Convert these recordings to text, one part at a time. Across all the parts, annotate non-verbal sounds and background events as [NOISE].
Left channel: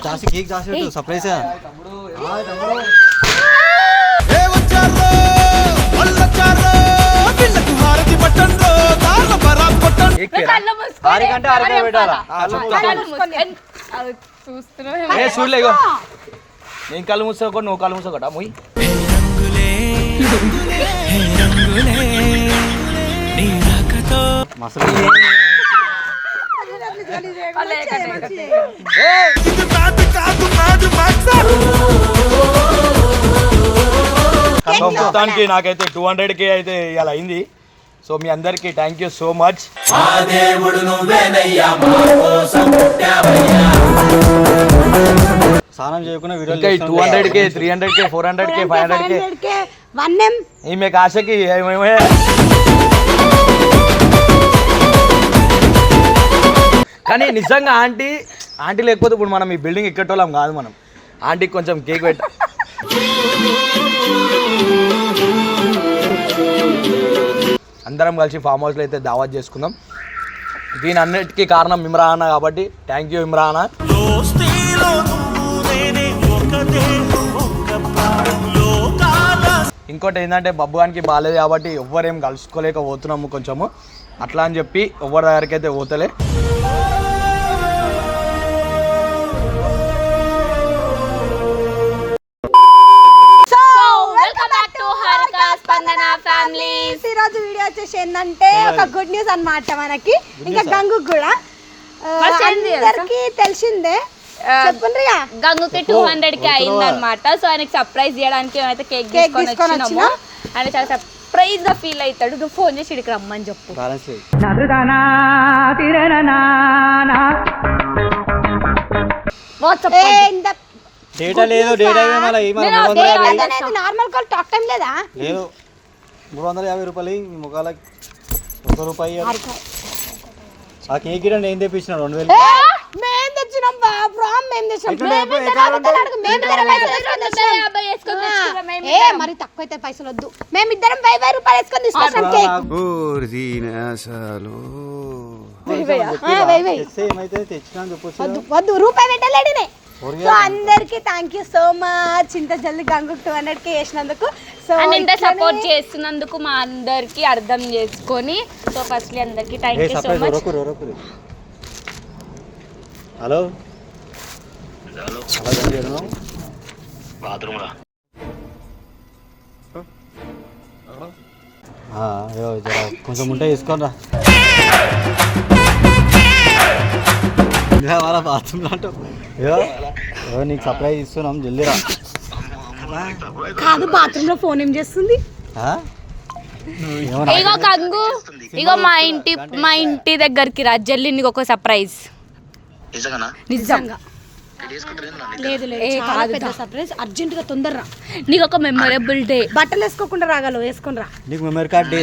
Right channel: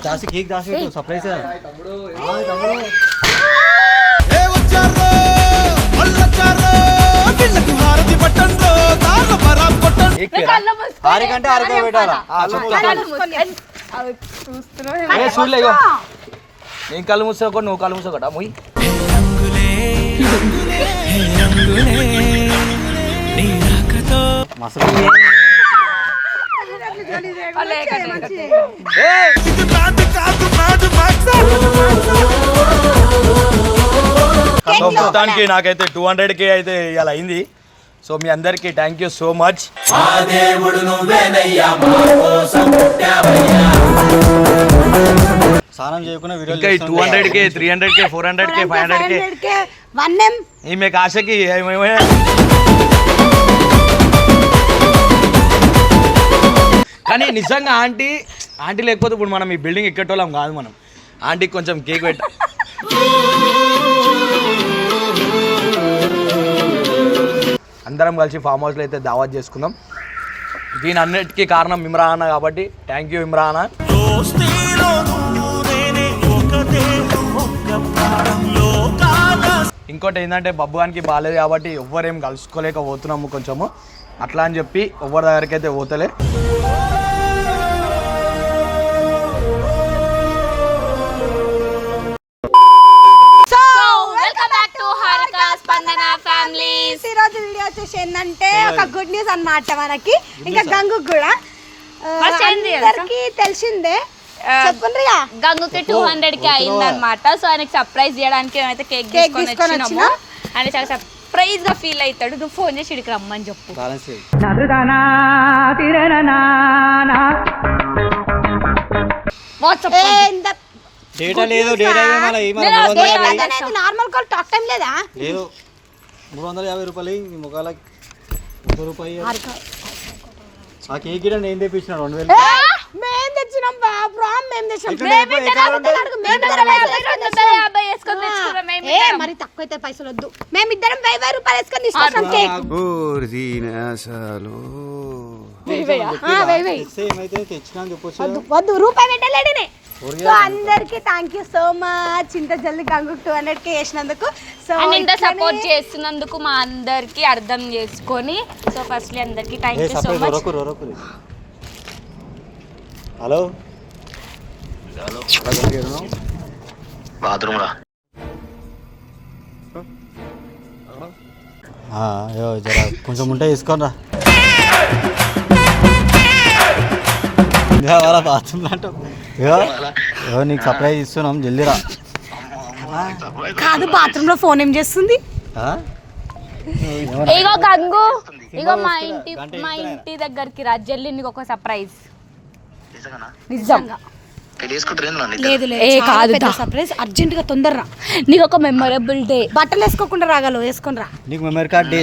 దాసి cake దాసి పెట్టు surprise ఏ వచ్చారో వాళ్ళొచ్చారో వీళ్ళకు హారతి పట్టండ్రో దారుల బరాత్ కొట్టండి కేక్ పేరా ఆరికంటే ఆరికే పెట్టాలా చూస్తున్నావు ఏ చూడలే ఇగో నేను కళ్ళు మూసుకో నువ్వు కళ్ళు మూసుకోట ముయ్ హే రంగులే రంగులే హే రంగులే నీ రాకతో మసలు ఇది కాదు మొత్తానికి నాకైతే టూ హండ్రెడ్ కే అయితే ఇలా అయింది. సో మీ అందరికి థ్యాంక్ యూ సో మచ్ స్నానం చేయకుండా video two hundred K three hundred K four hundred K five hundred K ఈమె ఆశకి కానీ నిజంగా ఆంటీ ఆంటీ లేకపోతే ఇప్పుడు మనం ఈ బిల్డింగ్ ఎక్కేటోళ్ళం కాదు మనం. ఆంటీకి కొంచెం కేక్ పెట్ట అందరం కలిసి ఫామ్ హౌస్లో అయితే దావత్ చేసుకుందాం. దీని అన్నిటికీ కారణం ఇమ్రాన్ కాబట్టి థ్యాంక్ యూ ఇమ్రాన్. ఇంకోటి ఏంటంటే బబ్బుగానికి బాగాలేదు కాబట్టి ఎవ్వరేం కలుసుకోలేకపోతున్నాము కొంచెము. అట్లా అని చెప్పి ఎవ్వరి దగ్గరికి అయితే పోతలే. స్పందన ఫ్యామిలీస్. ఈ రోజు వీడియో వచ్చేసి ఏంటంటే ఒక గుడ్ న్యూస్ అన్నమాట మనకి. ఇంకా గంగు కూడా? అందరికీ తెలిసిందే. చెప్పుండ్రిగా? గంగుకి టూ హండ్రెడ్కి అయింది అనమాట సో ఆయనకి సర్ప్రైజ్ చేయడానికి అయితే కేక్ తీసుకొని వచ్చినాము. ఆయన చాలా సర్ప్రైజ్గా ఫీల్ అవుతాడు. నువ్వు ఫోన్ చేసి ఇక్కడికి రమ్మని చెప్పు. వాట్సాప్ డేటా లేదు. Data normal call talk time లేదా? లేదు. మూడు వందల యాభై రూపాయలు ఈ ముఖాలకి ఒక రూపాయి. ఆ కేక్ గిడ నేను తెప్పించిన రెండు వేలు. ఏ, మేం తెచ్చినాం ప్రామ్ మేము తెచ్చినాం. మేము మేము మేము మరి తక్కువ అయితే పైసలు వద్దు. మేము ఇద్దరం వెయ్యి వెయ్యి రూపాయలు వేసుకొని తీసుకొస్తాం కేక్. తెచ్చినా చెప్పొచ్చు వద్దు వద్దు రూపాయి పెట్టలేడినే. సో అందరికి థ్యాంక్ యూ సో మచ్ ఇంత జల్దీ గంగు టూ హండ్రెడ్కి వేసినందుకు సో అండ్ ఇంత సపోర్ట్ చేస్తున్నందుకు మా అందరికి అర్థం చేసుకొని సో ఫస్ట్ అందరికి thank you so much hello? కొంచెం ఉంటే తీసుకోరా వాళ్ళ బాత్రూమ్ అయ్యో, నీకు సర్ప్రైజ్ ఇస్తున్నాం? జల్దీ రా. కాదు బాత్రూమ్లో ఫోన్ ఏం చేస్తుంది? ఇగో కంగు. ఇగో మా ఇంటి మా ఇంటి దగ్గరికి రా. జల్లి నీకు ఒక సర్ప్రైజ్ నిజంగా. లేదు ఏ కాదు దా. సర్ప్రైజ్ అర్జెంట్గా తొందరరా నీకు ఒక మెమొరబుల్ డే బట్టలు వేసుకోకుండా రాగలవు వేసుకొని రా. నీకు memory card day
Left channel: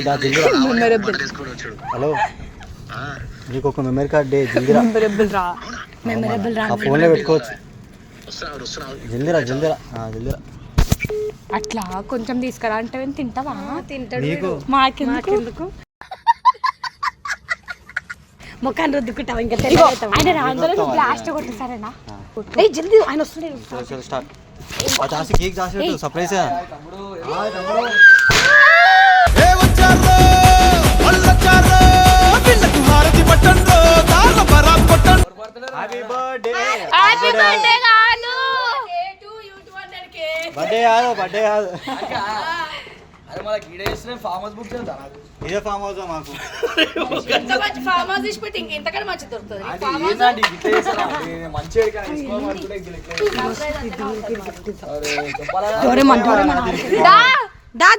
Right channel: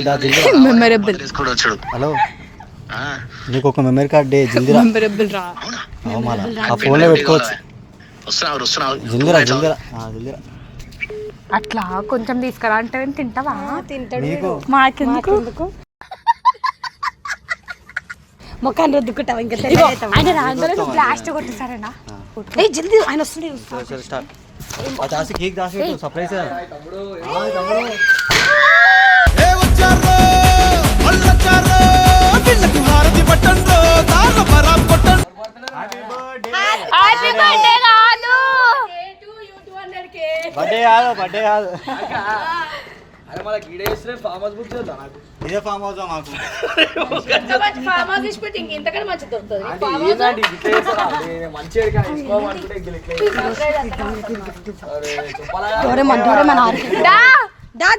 memorable hello? నీకు ఒక మెమరీ కార్డ్ డే జల్దీ రా మెమొరబుల్ రా ఆ ఫోన్లో పెట్టుకోవచ్చు. జల్దీ రా జల్దీ రా ఆ, జల్దీ రా అట్లా కొంచెం తీసుకురా అంటే తింటావా? తింటాడు మాకెందుకు? ముఖాన్ని రుద్దుకుంటావు? ఇంకా ఆయన రాగానే నువ్వు బ్లాస్ట్ కొట్టు సరేనా? ఏ జల్దీ ఆయన వస్తుంది సరే, సరే, స్టార్ట్. ఆ దాసి కేక్ దాసి పెట్టు సర్ప్రైజ్ హారతి పట్టండ్రో దారుల బరాత్ కొట్టండి హ్యాపీ బర్త్డే కాదు బర్త్డే కాదు బర్త్డే కాదు. అరే మన గీడ చేస్తే ఫామ్ హౌస్ బుక్ చేద్దాం నాకు. ఇదే ఫామ్ హౌస్ మాకు. ఏంటంటే ఇట్లా చేస్తారా? అరే, మంచి ఎడికైనా తీసుకోవాలనుకుంటే ఇట్లా ఇట్లా చేస్తారా? అరే, చెప్పాలా? దా.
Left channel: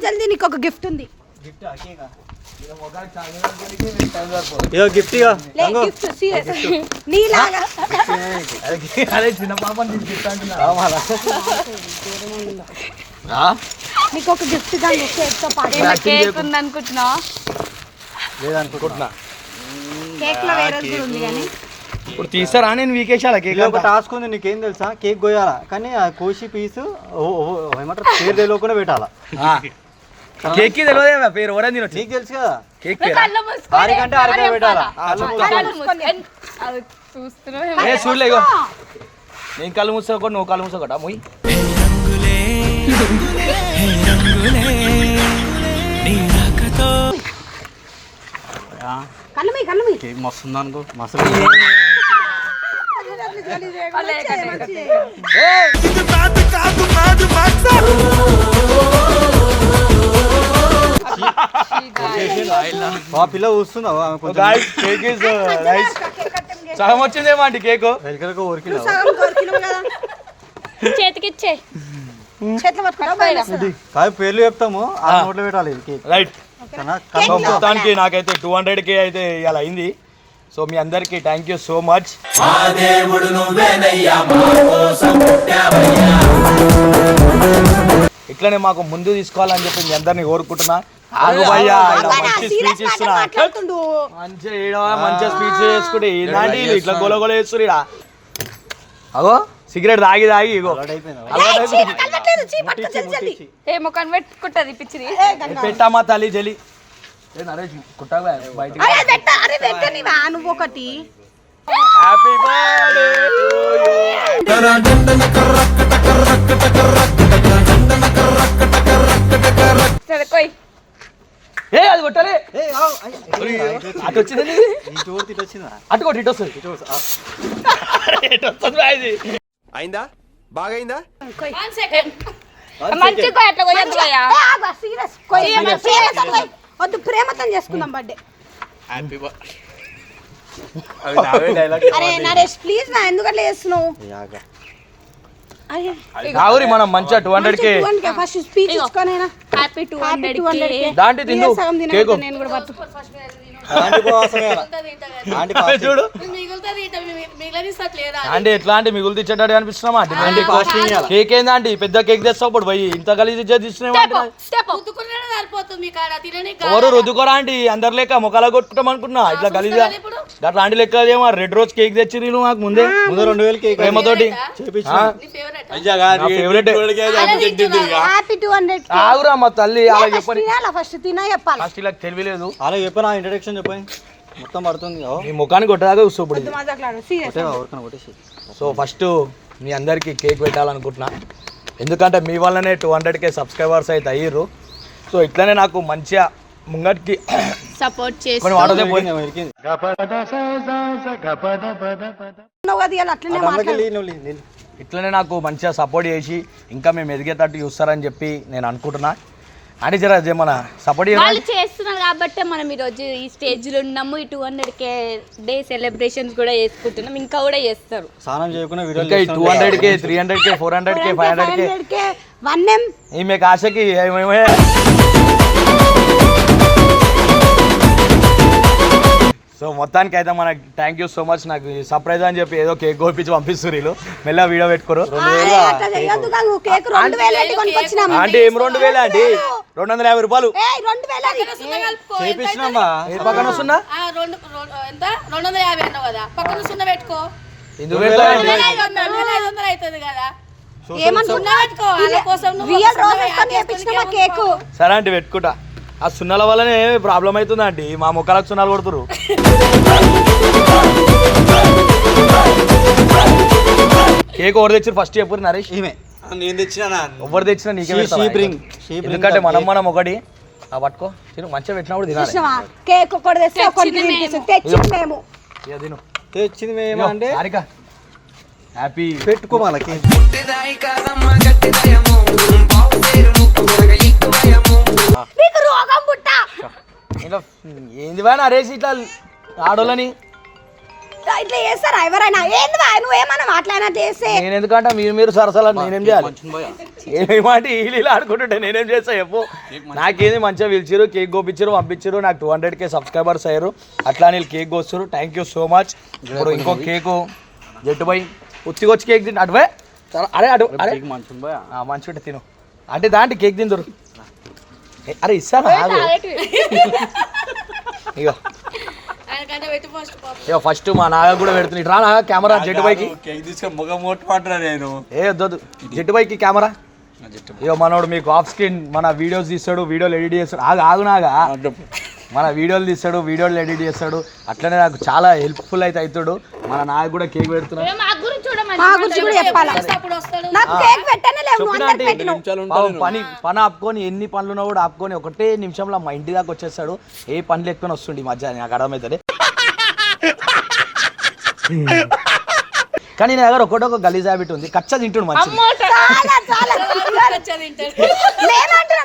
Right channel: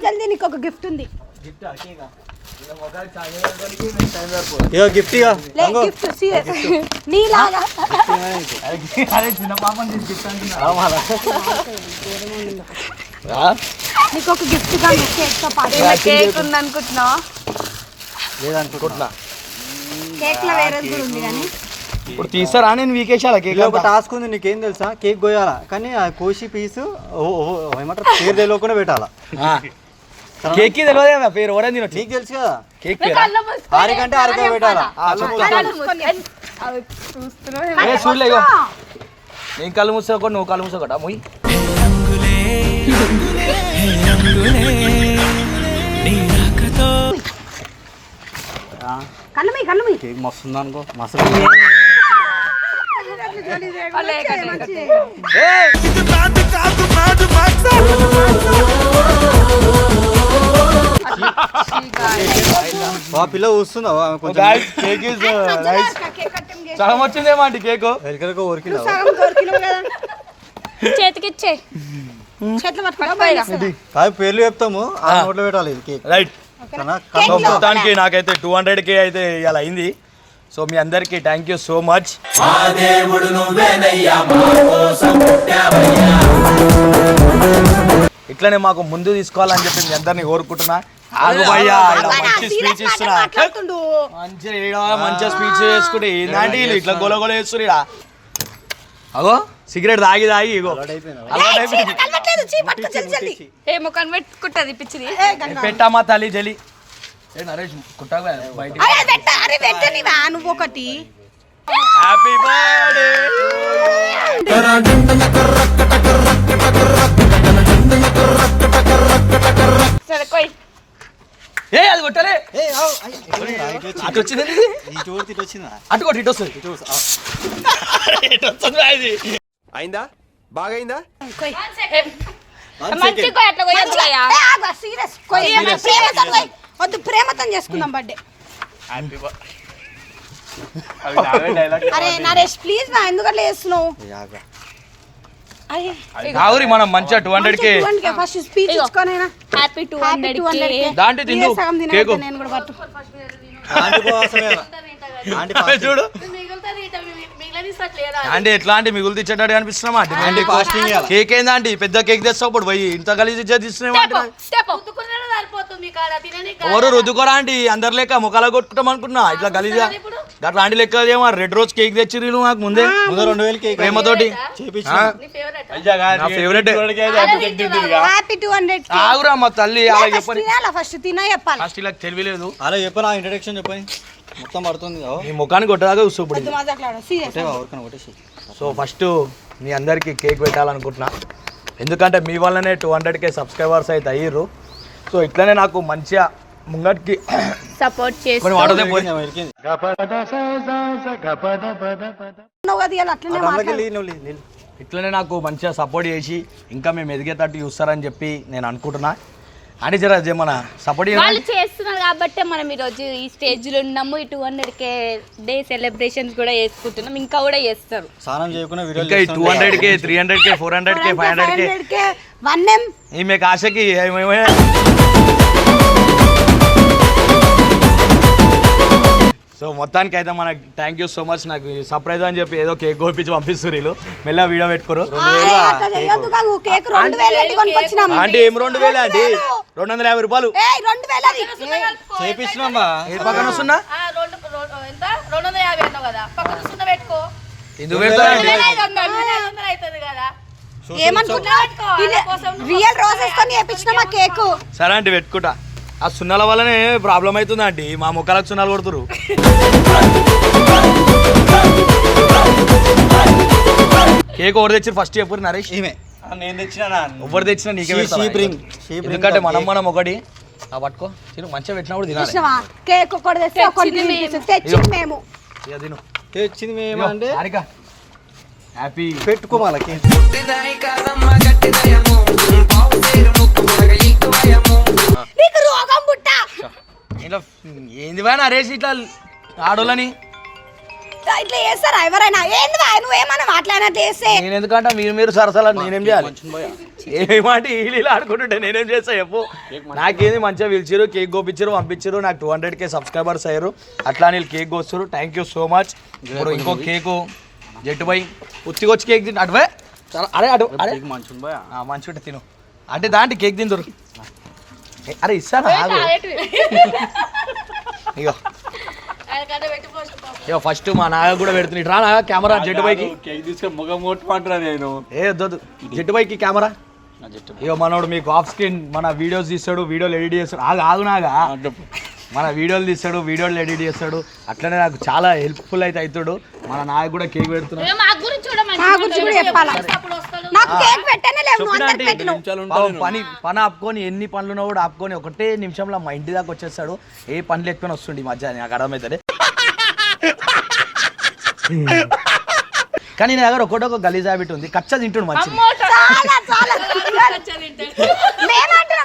జల్దీ నీకు ఒక గిఫ్ట్ ఉంది గిఫ్ట్ కేక్? ఇదో గిఫ్ట్ ఇక లే గిఫ్ట్ సీరియస్ [LAUGHS] నీలాగా. అరే చిన్న పాపని తీసుకుంటాను నీకు ఒక గిఫ్ట్ కానీ కేక్తో పాటు. కేక్ ఉంది అనుకుంటున్నావా లేదనుకుంటున్నా. కేక్లో వేరే కూడా ఉంది కానీ. ఇప్పుడు తీస్తారా? నేను వీకేసాల కేక్ ఒక టాస్క్ ఉంది నీకేం తెలుసా? కేక్ కోయాలా కానీ ఆ కోసి పీసు ఏమంటారు? పేరు తెలియకుండా పెట్టాలా? కేక్ తెలియదు కదా పేరు. ఎవరైనా తినొచ్చు. నీకు తెలుసు కదా? కేక్ పేరా? ఆరికంటే ఆరికే పెట్టాలా? ఏ చూడలే నేను కళ్ళు మూసుకో నువ్వు కళ్ళు మూసుకోట మొయ్. హే రంగులే రంగులే హే రంగులే నీ రాకతో. కళ్ళమి కళ్ళమి కేక్ మస్తు ఉందనుకో మస్తు ఇది మ్యాట్ కాదు మ్యాట్ మ్యాక్స్ ఆ పిల్ల గాయస్ కేక్ ఇస్ నైస్ సగం వచ్చిందేమో అండి కేక్. కదా. చేతికిచ్చే చేతులు పట్టుకుంటా బయలు కాదు పేర్లు చెప్తాము. ఆ నోట్లో పెట్టాలి ఇది కేక్. రైట్ మొత్తానికి నాకైతే టూ హండ్రెడ్ కే అయితే ఇవాళ అయింది. సో మీ అందరికీ థ్యాంక్ యూ సో మచ్ ఇట్లనే మాకు ముందు తీసుకోవాలని చెప్పి మీ అందరిని కోరుకుంటున్నా. ఇట్లా. అగో సిగరెట్ తాగి తాగి ఇగో. ఏ ముఖం పెట్టుకుంటుంది పిచ్చిది. పెట్టామా తల్లి జలి నరేష్ నువ్వు ఒకటి. హ్యాపీ బర్త్డే సరే కొయ్. ఏ అది కొట్టలే. అటు వచ్చింది. అటు కొట్టి ఇటు వస్తుంది. ఇటు వస్తుంది ఇది అయిందా? బాగైందా మంచిగా అట్లా ప్రేమతో. వద్దు ప్రేమతో చేసుకుందాం బర్త్డే. [LAUGHS] అరే నరేష్ ప్లీజ్ నా ఎందుకు అట్లా చేస్తున్నావు మనం మంచిగా two hundred K first speech happy two hundred K దాంట్లో తిందు. సగం కేకు. తిన నేను కూడా పట్టు. ఆంటీ. ఆంటీ. చూడు. అంటే ఎట్లా అంటే మిగులు తెచ్చేటట్టు అనిపిస్తున్నామా ఆంటీ ఫాస్టింగ్ ఇవ్వాల. కేక్ ఏందా అండి పెద్ద కేక్ తెస్తావు ఇప్పుడు. పోయి ఇంత కలిసి తీసుకున్నాం ఎవరు రుద్దుకోరా అండి అందరు లెక్క ముఖాల కొట్టుకుంటాం అనుకున్నా. ఇట్లా గలీజా అట్లా ఆంటీ లెక్క ఏమో రెడ్ రోజ్ కేక్ తెచ్చిరి నువ్వు నాకు ముందే. ముందు రెండు వేలు కేక్. ప్రేమతోటి చేపించిన. ఫేవరెట్ ఆగురా మా తల్లి అలా చెప్పని. ఫస్ట్ తినా చెప్పాలి. ఫస్ట్ ఇలా తెలియలేదు. అలా చెప్పనా ఇంట్రడక్షన్ చెప్పని. మొత్తం పడుతుంది ఈ ముఖానికి కొట్టదాకా కొట్టేసి సో ఫస్ట్ మీ అందరికీ కేక్ పెట్టాలనుకుంటున్నా. ఎందుకంటే మీ వల్లనే టూ హండ్రెడ్కే సబ్స్క్రైబర్స్ అయితే అయ్యారు సో ఇట్లనే నాకు మంచిగా ముంగటికి సపోర్ట్ చేసి కొన్ని వాటర్ పోయి ఇరికింది, ఇరికింది. నువ్వు అది ఇలా అట్లనే ఆ డ్రమ్లోకి మాట్లాడు. వెళ్ళి నువ్వు నీళ్ళు. ఇట్లనే నాకు మంచిగా సపోర్ట్ చేసి ఇంకా మేము ఎదిగేటట్టు చూస్తారని చెప్పి నేను అనుకుంటున్నా. అని జర మన సపోర్ట్ వాళ్ళు చేస్తున్నారు కాబట్టి మనం ఈరోజు ఈ స్టేజ్లో ఉన్నాము. ఈ two hundred K day celebrations కూడా చేసుకుంటున్నాం. ఇంకా కూడా చేస్తారు. స్నానం చేయకుండా వీడియోలు ఇంకా two. Hundred K three hundred K four hundred K five hundred K 500 K one M ఈమె ఆశకి సో మొత్తానికి అయితే మనకి థ్యాంక్ యూ సో మచ్ నాకు సర్ప్రైజ్ అని చెప్పి ఏదో కేక్ కోపించి పంపిస్తారు వీళ్ళు. మెల్లగా వీడియో పెట్టుకోరు. అంటే ఏం రెండు వేలే అండి? రెండు వందల యాభై రూపాయలు. ఏయ్ రెండు వేలు అది. ఏయ్, చేపించినామా ఏ పక్కన వస్తున్నా సరే అంటే పెట్టుకుంటా. ఆ సున్నాల వల్లనే ప్రాబ్లం అవుతుంది ఆంటీ. మా ముఖాలకు సున్నాలు కొడుతురు కేక్ ఎవరు తెచ్చి ఫస్ట్ చెప్పు నరేష్. ఈమె. ఎవరు తెచ్చినా నీకే She- పెడతారా? she bring. She bring ఎందుకంటే the మనం. మనం ఒకటి. ఆ పట్టుకో. తిను మంచిగా పెట్టినప్పుడు తినాలి. చూసినావా? కేక్ ఒకటి తెస్తే ఒకటి తినిపిస్తుంది తెచ్చింది మేము. ఇక తిను. తెచ్చింది మేము అంటే? హ్యాపీ పెట్టుకో ఏంది వా నరేష్ ఇట్లా ఆడోళ్ళని? ఇట్లా చేస్తారా ఎవరైనా? ఏంది వా నువ్వేమన్నా మాట్లాడినట్టు చేస్తే? నేను ఎందుకంటే మీరు మీరు సరసలా నేనేం చేయాలి. ఏమాట వీళ్ళు ఆడుకుంటుంటే నేనేం చేస్తా చెప్పు? నాకేంది మంచిగా పిలిచారు కేక్ కోపించారు పంపించారు నాకు టూ హండ్రెడ్ కే సబ్స్క్రైబర్స్ అయ్యారు. అట్లా వీళ్ళు కేక్ కోస్తారు థ్యాంక్ యూ సో మచ్ ఇప్పుడు ఇంకో కేకు. జట్టు పోయి. ఉత్తికొచ్చి కేక్ తింటే. అటువే చాలా అరే అటు అరే. ఉంటే తిను. అంటే దాంట్లో కేక్ తిందరు. అరే ఇస్తారా? పెట్టి ఫస్ట్ ఇగో ఫస్ట్ మా నాగ కూడా పెడుతుంది. రా నాగ కెమెరా మొగ మొట్టమంటున్నా నేను? ఏ వద్దొద్దు. జట్టు పైకి కెమెరా. ఇగో మనోడు మీకు ఆఫ్ స్క్రీన్ మన వీడియోస్ తీస్తాడు వీడియోలు ఎడిట్ చేస్తాడు. ఆగు ఆగు నాగా. మన వీడియోలు తీస్తాడు వీడియోలు ఎడిట్ చేస్తాడు. అట్లనే నాకు చాలా హెల్ప్ఫుల్ అయితే అవుతాడు. మన నాకు కూడా కేక్ పెడుతున్నాడు. నాకు కేక్ పెట్టనే లేవు నువ్వు అందరికి పెట్టినావు. నిమిషాలు పాపం పని పని ఆపుకొని ఎన్ని పనులు ఉన్నా కూడా ఆపుకొని ఒకటే నిమిషంలో మా ఇంటి దాకా వచ్చేస్తాడు. ఏ పనులు ఎక్కువ వస్తుండే ఈ మధ్య నాకు అర్థమవుతుంది [LAUGHS] కానీ నా దగ్గర ఒకటి ఒక గలీజ్ హ్యాబిట్ ఉంది. కచ్చ తింటుండు చాలా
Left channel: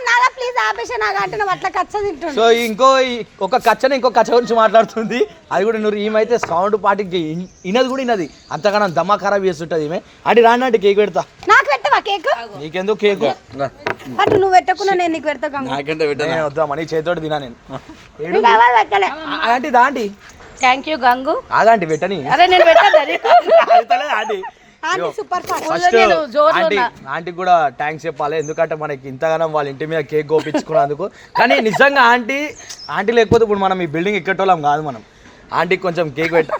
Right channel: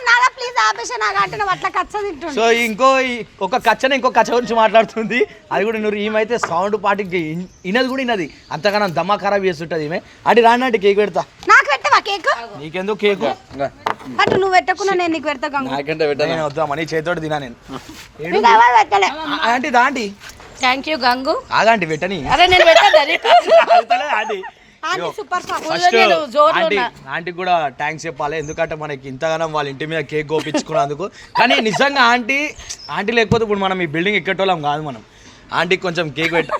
చాలా ప్లీజ్ ఆపేసి నాకు అంటున్నావు అట్లా కచ్చ తింటుండు. సో ఇంకో ఈ- ఒక కచ్చని ఇంకో కచ్చ గురించి మాట్లాడుతుంది. అది కూడా నువ్వు ఈమెయితే సౌండ్ పాటికి ఇన్- ఇనది కూడా ఇనది అంతగానో దమ్మా ఖరాబ్ చేస్తుంటది ఈమె. అంటే రాండి అంటే కేక్ పెడతా. నాకు పెట్టవా కేక్? నీకెందుకు కేకు? అటు నువ్వు పెట్టకున్నా నేను నీకు పెడతా గంగు. నాకంటే పెట్టాను? నేను వద్దామా నీ చేతితోటి తినా నేను. నువ్వు ఎవరు పెట్టలే. ఆంటీ దాంటి థ్యాంక్ యూ గంగు ఆగాంటి పెట్టని అరే నేను పెట్టదా నీకు? [LAUGHS] Aunty. Aunty super fast first నేను జోరులో ఆంటీ ఉన్నా. ఆంటీకి కూడా థ్యాంక్స్ చెప్పాలి. ఎందుకంటే మనకి ఇంతగానం వాళ్ళ ఇంటి మీద కేక్ కోపించుకున్నందుకు కానీ నిజంగా ఆంటీ ఆంటీ లేకపోతే ఇప్పుడు మనం ఈ బిల్డింగ్ ఎక్కేటోళ్ళం కాదు మనం. ఆంటీకి కొంచెం కేక్ పెట్టి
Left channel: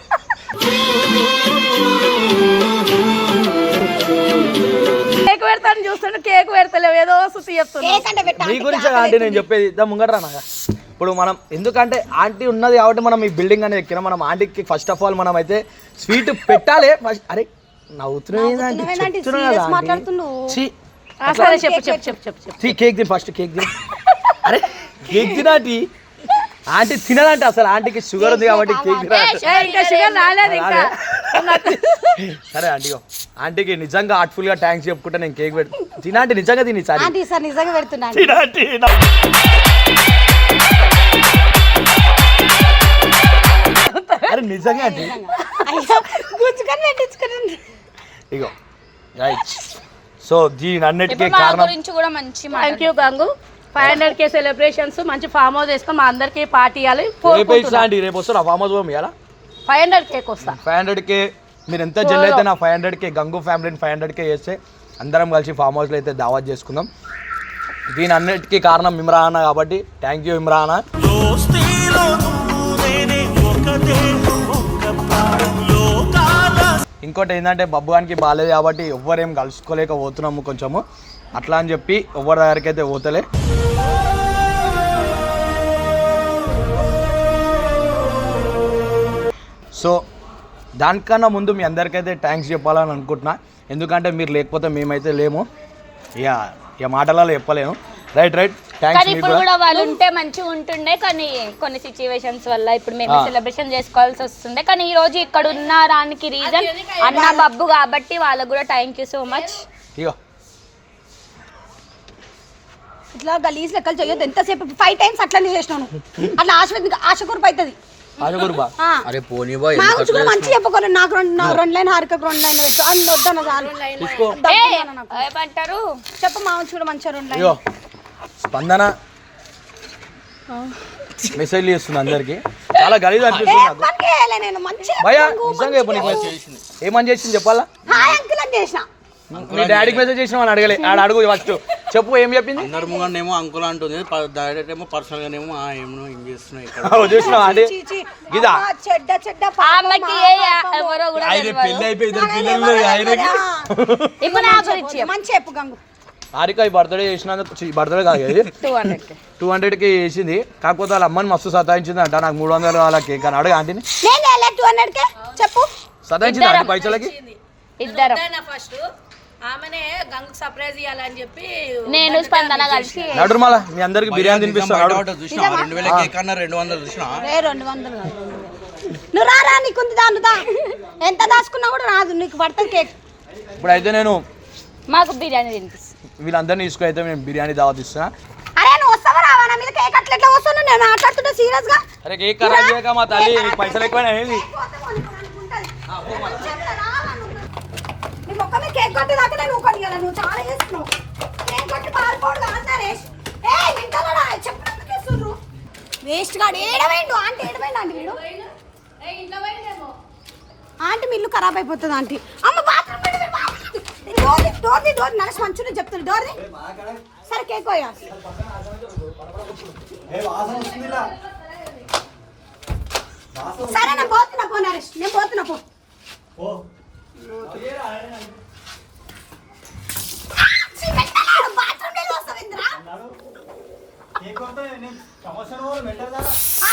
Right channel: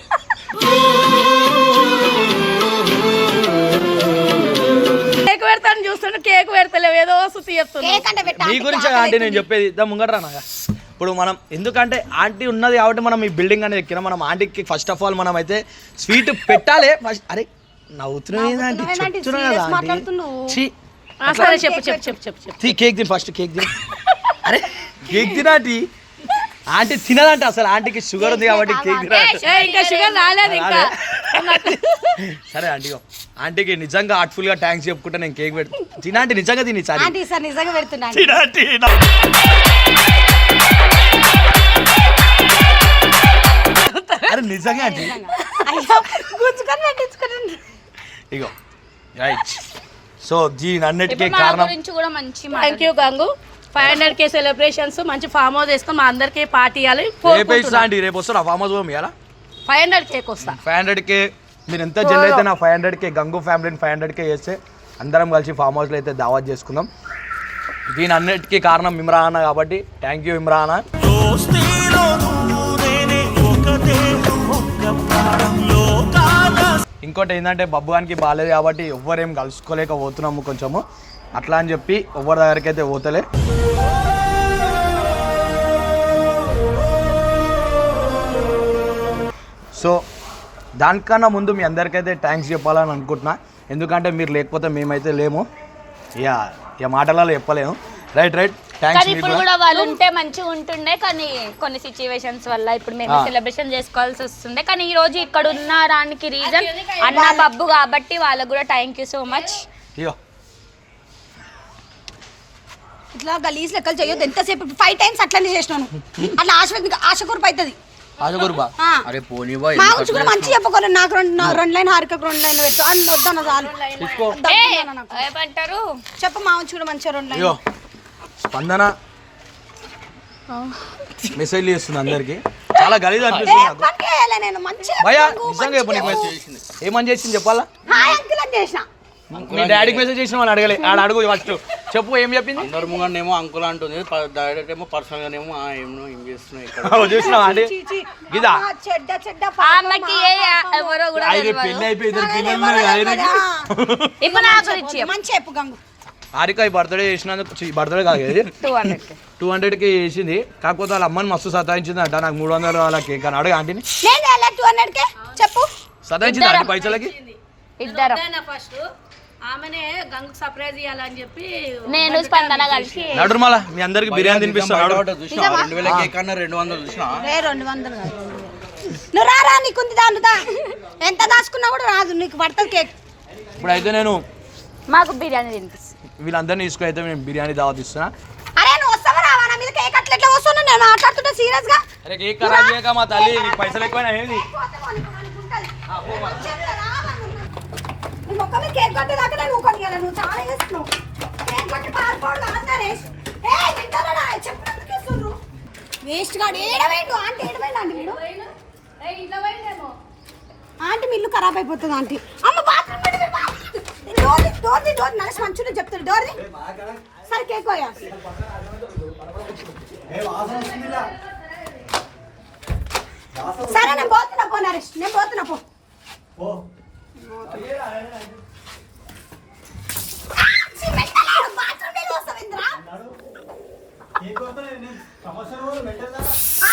కేక్ పెడతాను చూస్తుంటే కేక్ పెడతలేవు. ఏదో సుత్తి చెప్తున్నా మీ గురించి ఆంటీ నేను చెప్పేది. ఇద్దాం ముంగట్రా నాగా. ఇప్పుడు మనం ఎందుకంటే ఆంటీ ఉన్నది కాబట్టి మనం ఈ బిల్డింగ్ అనేది ఎక్కినా. మనం ఆంటీకి ఫస్ట్ ఆఫ్ ఆల్ మనం అయితే స్వీట్ పెట్టాలి. ఫస్ట్ అరే నవ్వుతున్నావు కేక్ తిని ఫస్ట్ కేక్ తిని. అరే కేక్ తినాటి ఆంటీ. తినదంట అసలు. ఆంటీకి షుగర్ ఉంది కాబట్టి కేక్ తినాలి ఏ, ఇంకా షుగర్ రాలేదు ఇంకా. సరే ఆంటీ. ఆంటీకి నిజంగా హార్ట్ఫుల్గా థ్యాంక్స్ చెప్పుకుంటే నేను కేక్ పెడతా. తినాంటి నిజంగా తిని సార్. నిజంగా పెడుతున్నా అరే నిజంగా అయ్యో పెట్టించుకుని ఇగో రైట్. సో దీని అన్నిటికీ కారణం గురించి కూడా మంచి thank you Gangu. Five hundred K celebrations మంచి ఫామ్ హౌస్ వేస్తాం మా అందరికి పార్టీ ఇవ్వాలి. రేపు ఇస్తా ఆంటీ రేపు వస్తారు ఫామ్ హౌస్ పోము ఇవాళ ఫైవ్ హండ్రెడ్ కేక్ వస్తా. ఫైవ్ హండ్రెడ్కే మీరు ఎంత జల్ అయితే నా ఫైవ్ హండ్రెడ్కే గంగు ఫ్యామిలీని ఫైవ్ హండ్రెడ్కే చేస్తే అందరం కలిసి ఫామ్ హౌస్లో అయితే దావత్ చేసుకుందాం. దీని అన్నిటికీ కారణం ఇమ్రాన్ కాబట్టి థ్యాంక్ యూ ఇమ్రాన్ ఇంకోటి ఏంటంటే బబ్బుగానికి బాగాలేదు కాబట్టి ఎవ్వరేం కలుసుకోలేకపోతున్నాము కొంచెము. అట్లా అని చెప్పి ఎవ్వరి దగ్గరికి అయితే పోతలే. సో దానికన్నా ముందు మీ అందరికైతే థ్యాంక్స్ చెప్పాలని అనుకుంటున్నా. ఎందుకంటే మీరు లేకపోతే మేమైతే లేము. ఇక ఇక మాటలలో చెప్పలేము రైట్ రైట్ కానీ ఇప్పుడు కూడా వాళ్ళు ఉంటే మంచిగా ఉంటుండే కానీ కొన్ని సిచ్యువేషన్స్ వల్ల ఇప్పుడు మేము. సెలబ్రేషన్ చేసుకోవాల్సి వస్తుండే. కానీ ఈ రోజు ఇక్కడ ఉన్న దానికి రీజన్ అన్న బబ్బు కాబట్టి వాళ్ళకు కూడా థ్యాంక్ యూ సో మచ్ ఇగో. ఇట్లా గలీజ్ లెక్కలు చేయొద్దు. ఎంతసేపు? ఫైవ్ టైమ్స్ అట్లనే చేసినాను. అట్లా ఆశ ఆశ కురుపు అవుతుంది. ఆశగురుబా ఆ. అరే పోనీ బాయ్ మా గురించి కూడా మంచి చెప్పుకోలేదు నాకు రెండు నాకు రెండు లైన్ హారికకు రెండు లైన్ పెట్టు. అని చాలు. ఏమంటారు? చెప్పు మా గురించి కూడా మంచిగా రెండు లైన్ స్పందన. మెసేజ్ చేస్తుంది అందరికి. చాలా గలీజ్ అనిపిస్తుంది నాకు. నేను? మంచిగా భయ నిజంగా చెప్పు నీకు మెసేజ్ ఏమని చేసింది చెప్పాలా? మీ డాడీకి మెసేజ్ చేసిన అని అడగలే. ఆడ అడుగు ఫస్ట్. చెప్పు ఏం చెప్పింది? అందరు ముంగనేమో అంకుల్ అంటుంది. డైరెక్ట్ ఏమో పర్సనల్ గానేమో ఆ ఏమో ఏం చేస్తున్నాయి. ఇదా చెడ్డ చెడ్డ. ఎవరో కూడా తెలియదు. అయిపోయి ఎవరో తెలియదా? ఇప్పుడు నా గురించి చెప్పు మంచి చెప్పు గంగు. హారిక ఈ బర్త్డే చేసినందుకు బర్త్డే కాదు ఇది. టూ హండ్రెడ్ టూ హండ్రెడ్కి చేసింది. కాకపోతే వాళ్ళ అమ్మని మస్తు సతాయించింది అంట. నాకు మూడు వందలు వాళ్ళ కేక్ అని అడగ ఆంటీని. టూ హండ్రెడ్కే. చెప్పు. సతాయించింది ఆంటీ పైసలకి? ఇద్దరం. ఫస్ట్ ఆమెనే గంగు సర్ప్రైజ్ ఇవ్వాలని చెప్పి నేను స్పందన కలిసి నడురు మళ్ళా మీ అందరికి బిర్యానీ తినిపిస్తాను నడు. చూసినా రెండు వేల కేక్ అన్న రెండు వందలు చూసినా రే రెండు వందలు కాదు. నువ్వు రారా నీకుంది దాంట్లో ఎంత దాచుకున్నా కూడా రాదు నీకు పడుతుంది కేక్. ఇప్పుడైతే నేను మాకు బిర్యానీ తినిపిస్తుంది వీళ్ళందరినీ తీసుకుని అయితే నేను బిర్యానీ దావత్ ఇస్తున్నా అరే నువ్వు వస్తావా రావా? నా మీద కేక్ అట్లా ఎట్లా వస్తున్నావు నేను మాట్లాడుతుంటే సీరియస్గా? అరే కేక్ ఖరాబ్ చేయక మా తల్లి నీకు పైసలు ఎక్కువైనా ఏంది? నీ మొక్క మీద కేక్ కొట్టేదాకా నేను ఊకొని కదా నువ్వు చాలా చేస్తున్నావు. కేక్ కొట్టి పారిపోడు ఏ వింటారా చెప్పినందుకు ఇస్తుండ్రు వేస్ట్ గాడు. ఏడవేండు ఆంటీ ఏడవేండు ఆంటీ వీడు? ఆంటీ మీ ఇల్లు ఖరాబ్ అయిపోతుంది ఆంటీ. అమ్మ బాత్రూమ్ డోర్ డోర్ డోర్ నడిచి మంచిగా చెప్తాడు డోర్ సరే కేక్ పోయా సరే నేను పోతున్నా పో నరేష్. నేను పోతున్నా పో.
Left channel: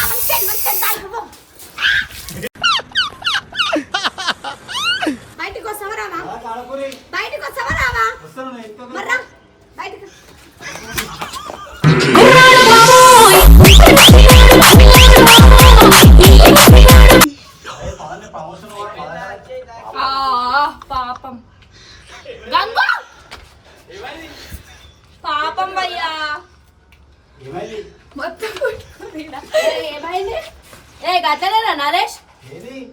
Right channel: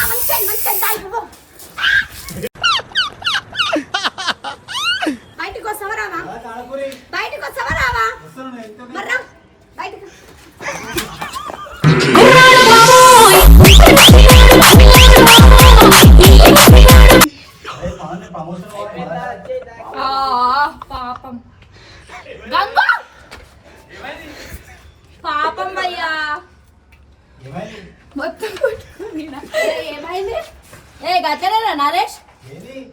బాత్రూమ్? నరేష్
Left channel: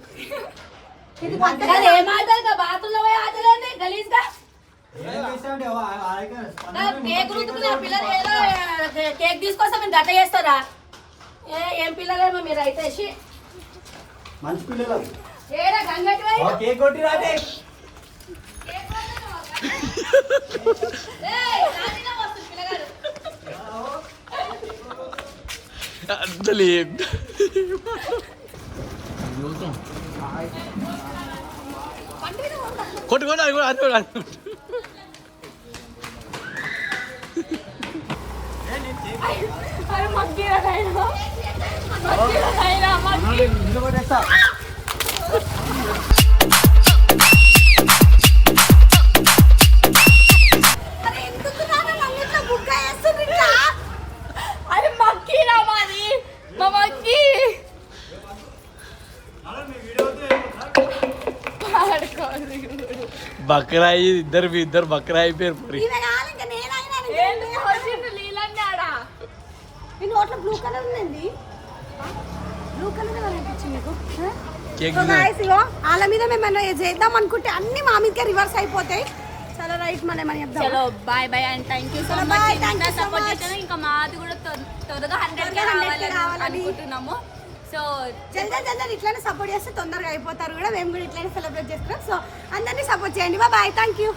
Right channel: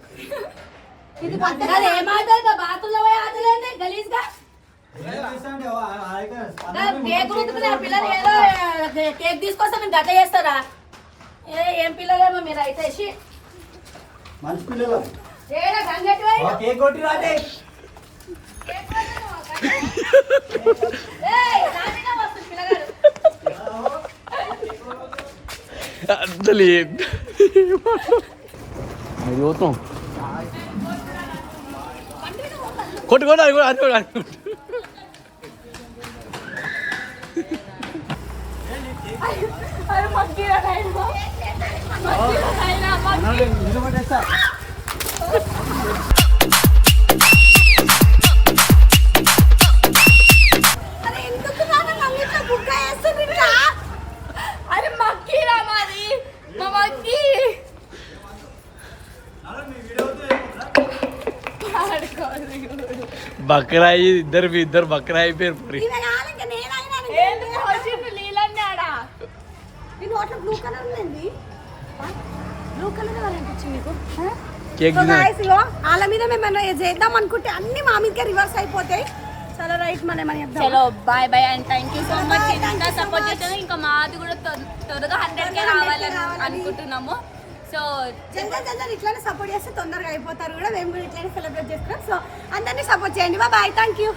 ఇది అది ఏం ఆటలు బాతుల్లో పోయి ఆటలేంది గలీజ్గా కేక్ రుద్దుకునే ఆ పిల్లలు ఏదో ఏ, కేక్ తీసుకొస్తే మీరు గట్ట చేస్తారా? ఏ ఏం పిల్లలేమో మీరు అయితే షీ. మంచి పిల్లలు. ఏడా గంగట్టుగా ఆ కేక్ కొట్టి రాటే అసలు ఏం కొట్టు కొట్టు అది కూడా అది కూడా అది కూడా. అనిపించింది మీకు? కేక్ సో తిన్నా. గాయస్ ఇగో వాళ్ళ మీద మేము చేద్దాం అనుకుంటే అన్ని మా మీదకే రివర్స్ అయిపోతాయి. చాలా రైట్ మనం ఏమని చెప్దాం చలో bye bye and thank you so much ఇంత సపోర్ట్. చేస్తాను ఇంకా మాది కూడా త్వర- త్వరగా హండ్రెడ్ కే త్వరగా 100K రావాలని రావాలని. అనుకుంటున్నాము. సో జనరల్ జనరల్ ఇట్లానే సపోర్ట్ చేస్తే తొందరగా అయిపోతారు కూడా. మేము కూడా ఇట్లానే సెలబ్రేట్ చేసుకున్నాం. సో అందరినీ సపోర్ట్ చేయండి. Bye thank you